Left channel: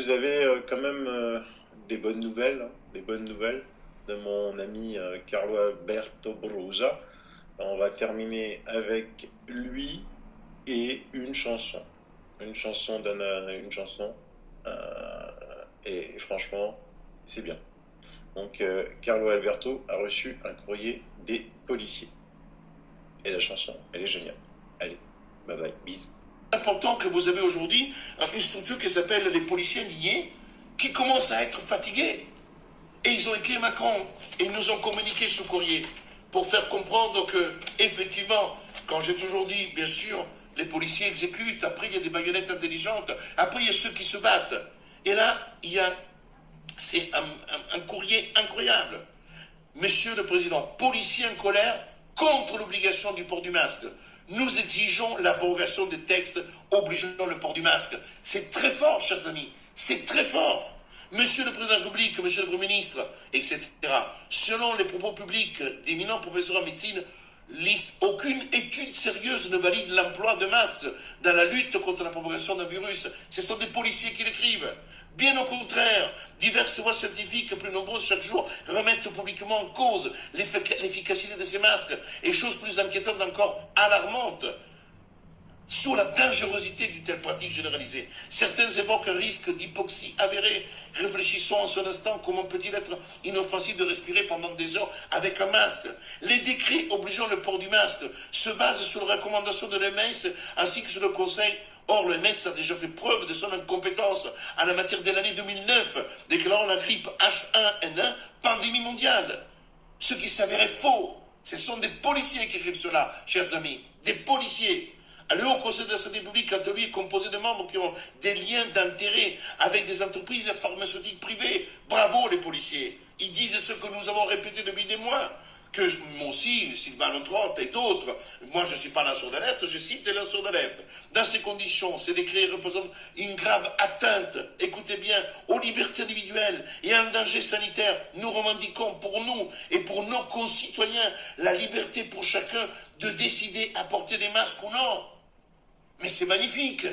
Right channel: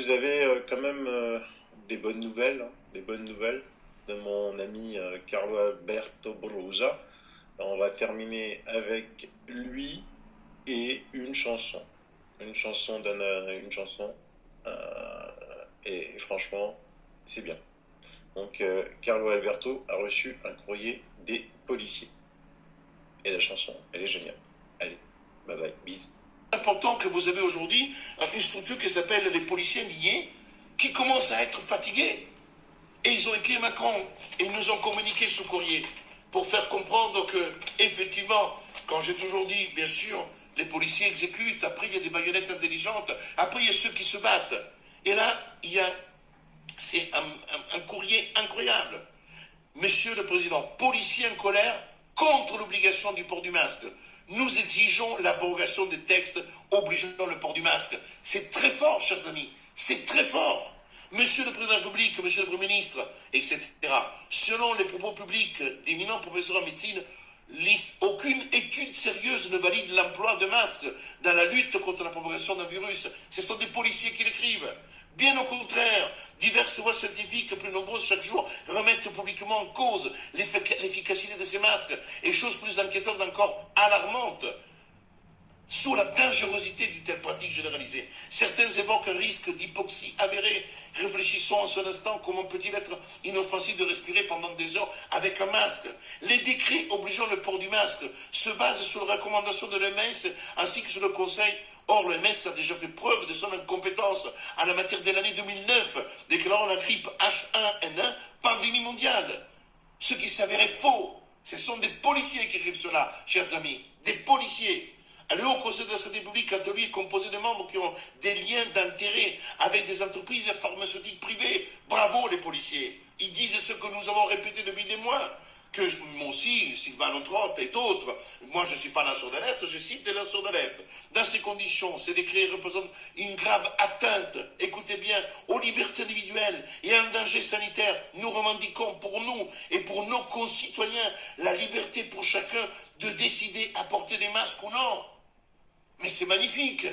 Vous avez quand même des bonnes nouvelles, hein, des bonnes nouvelles de mon ami Carlo Alberto Brosa. On va terminer avec lui et une chanson. Une chanson donne une chanson. Et franchement, c'est bien. Donc Carlo Alberto a reçu un courrier des policiers. Et la chanson, elle est géniale. Allez, bye bye, bisous. Important que vous avez aujourd'hui une structure qui s'appelle les policiers lignés, qui commencent à être fatigués. Et ils ont écrit à Macron et ils nous ont communiqué ce courrier pour faire comprendre que, effectivement, quand j'ai toujours dit, bien sûr, les policiers exécutent, après il y a des baïonnettes intelligentes, après il y a ceux qui se battent. Et là, c'est un courrier incroyable. Monsieur le Président, policiers en colère contre l'obligation du port du masque. Nous exigeons l'abrogation des textes obligeant le port du masque. C'est très fort, chers amis. C'est très fort. Monsieur le Président de la République, Monsieur le Premier ministre, etc. Selon les propos publics d'éminents professeurs en médecine, aucune étude sérieuse ne valide l'emploi de masques dans la lutte contre la propagation d'un virus. Ce sont des policiers qui l'écrivent. Bien au contraire, diverses voix scientifiques, plus nombreuses chaque jour, remettent publiquement en cause l'efficacité de ces masques. Et chose plus inquiétante encore, alarmante, sous la dangerosité d'une telle pratique généralisée. Certains évoquent un risque d'hypoxie avérée. Réfléchissons en ce instant comment peut-il être inoffensif de respirer pendant des heures avec un masque. Les décrets obligeant le port du masque se basent sur les recommandations de l'OMS ainsi que sur le Conseil. Or, l'OMS a déjà fait preuve de son incompétence en la matière dès l'année 2009, déclarant la grippe H1N1 pandémie mondiale. Ce qui s'avérait faux. Ce sont des policiers qui écrivent cela, chers amis. Des policiers. Le Haut Conseil de la Santé publique, quant à lui, est composé de membres qui ont des liens d'intérêt avec des entreprises pharmaceutiques privées. Bravo les policiers. Ils disent ce que nous avons répété depuis des mois. Que moi aussi, Sylvain Autrot et d'autres, moi je ne suis pas lanceur d'alerte, je cite des lanceurs d'alerte. Dans ces conditions, ces décrets représentent une grave atteinte, écoutez bien, aux libertés individuelles et un danger sanitaire. Nous revendiquons pour nous et pour nos concitoyens la liberté pour chacun de décider à porter des masques ou non. Mais c'est magnifique.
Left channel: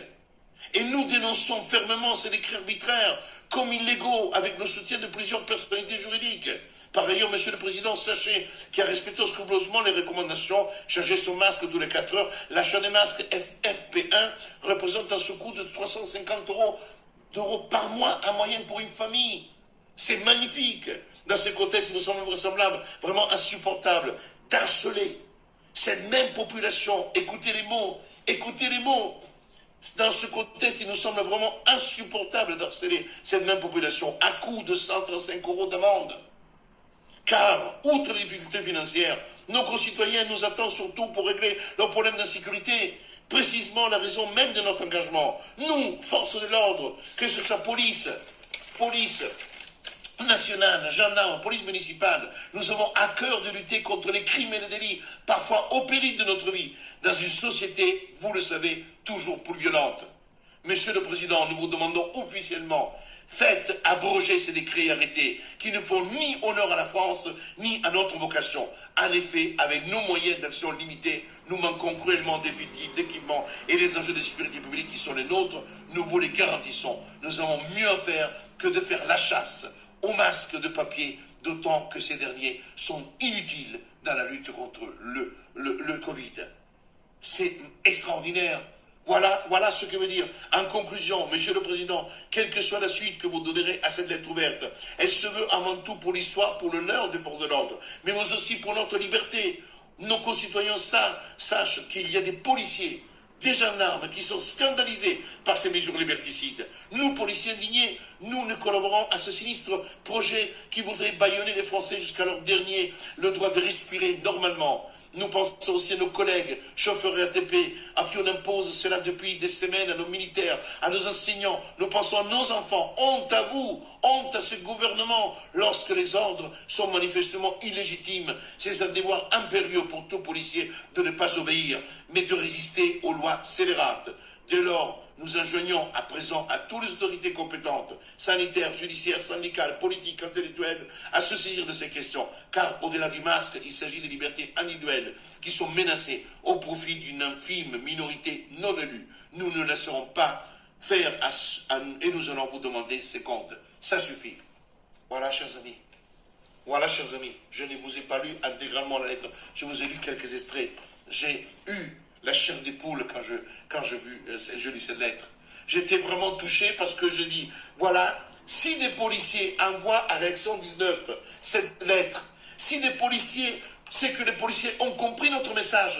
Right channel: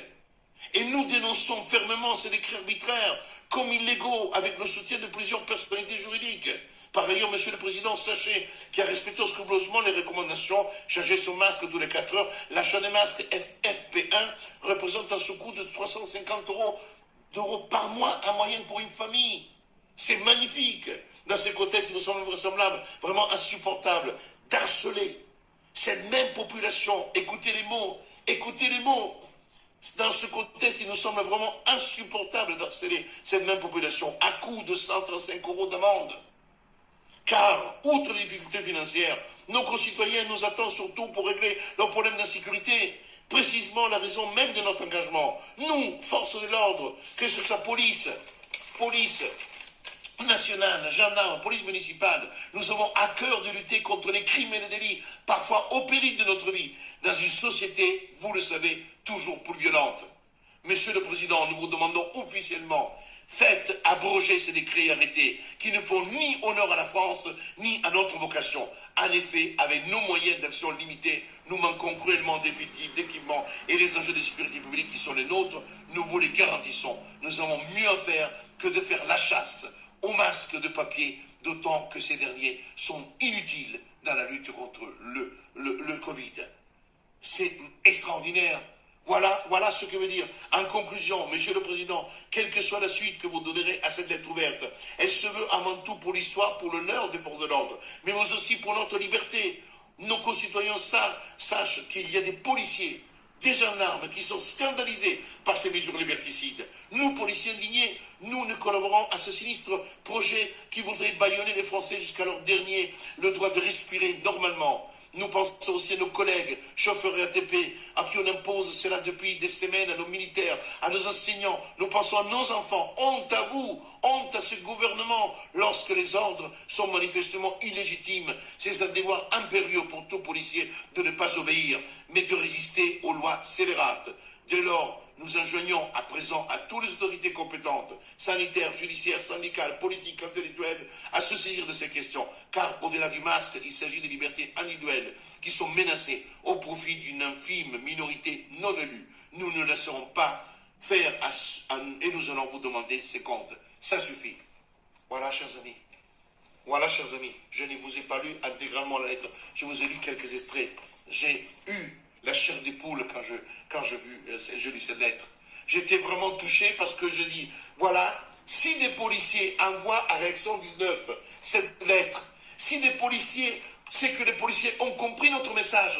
Et nous dénonçons fermement ces décrets arbitraires comme illégaux avec le soutien de plusieurs personnalités juridiques. Par ailleurs, Monsieur le Président, sachez qu'il a respecté scrupuleusement les recommandations, changer son masque tous les 4 heures. L'achat des masques FFP1 représente un surcoût de 350 d'euros par mois en moyenne pour une famille. C'est magnifique. Dans ce contexte, il nous semble vraisemblable, vraiment insupportable, d'harceler cette même population. Écoutez les mots, écoutez les mots. Dans ce contexte, il nous semble vraiment insupportable d'harceler cette même population à coût de 135 € d'amende. Car, outre les difficultés financières, nos concitoyens nous attendent surtout pour régler leurs problèmes d'insécurité. Précisément la raison même de notre engagement. Nous, forces de l'ordre, que ce soit police nationale, gendarme, police municipale, nous avons à cœur de lutter contre les crimes et les délits, parfois au péril de notre vie, dans une société, vous le savez, toujours plus violente. Monsieur le Président, nous vous demandons officiellement, faites abroger ces décrets et arrêtés qui ne font ni honneur à la France, ni à notre vocation. En effet, avec nos moyens d'action limités, nous manquons cruellement d'effectifs, d'équipements et les enjeux de sécurité publique qui sont les nôtres, nous vous les garantissons. Nous avons mieux à faire que de faire la chasse aux masques de papier, d'autant que ces derniers sont inutiles dans la lutte contre le Covid. C'est extraordinaire. Voilà ce que veut dire. En conclusion, Monsieur le Président, quelle que soit la suite que vous donnerez à cette lettre ouverte, elle se veut avant tout pour l'histoire, pour l'honneur des forces de l'ordre, mais aussi pour notre liberté. Nos concitoyens sachent qu'il y a des policiers, des gendarmes qui sont scandalisés par ces mesures liberticides. Nous, policiers indignés, nous ne collaborons à ce sinistre projet qui voudrait bâillonner les Français jusqu'à leur dernier, le droit de respirer normalement. Nous pensons aussi à nos collègues, chauffeurs RATP, à qui on impose cela depuis des semaines, à nos militaires, à nos enseignants. Nous pensons à nos enfants. Honte à vous, honte à ce gouvernement, lorsque les ordres sont manifestement illégitimes. C'est un devoir impérieux pour tout policier de ne pas obéir, mais de résister aux lois scélérates. Dès lors, nous enjoignons à présent à toutes les autorités compétentes, sanitaires, judiciaires, syndicales, politiques, intellectuelles, à se saisir de ces questions. Car au-delà du masque, il s'agit des libertés individuelles qui sont menacées au profit d'une infime minorité non élue. Nous ne laisserons pas faire et nous allons vous demander ces comptes. Ça suffit. Voilà, chers amis. Voilà, chers amis. Je ne vous ai pas lu intégralement la lettre. Je vous ai lu quelques extraits. J'ai eu la chair des poules quand je lis cette lettre. J'étais vraiment touché parce que je dis, voilà, si des policiers envoient à Réaction 19 cette lettre, si des policiers, c'est que les policiers ont compris notre message.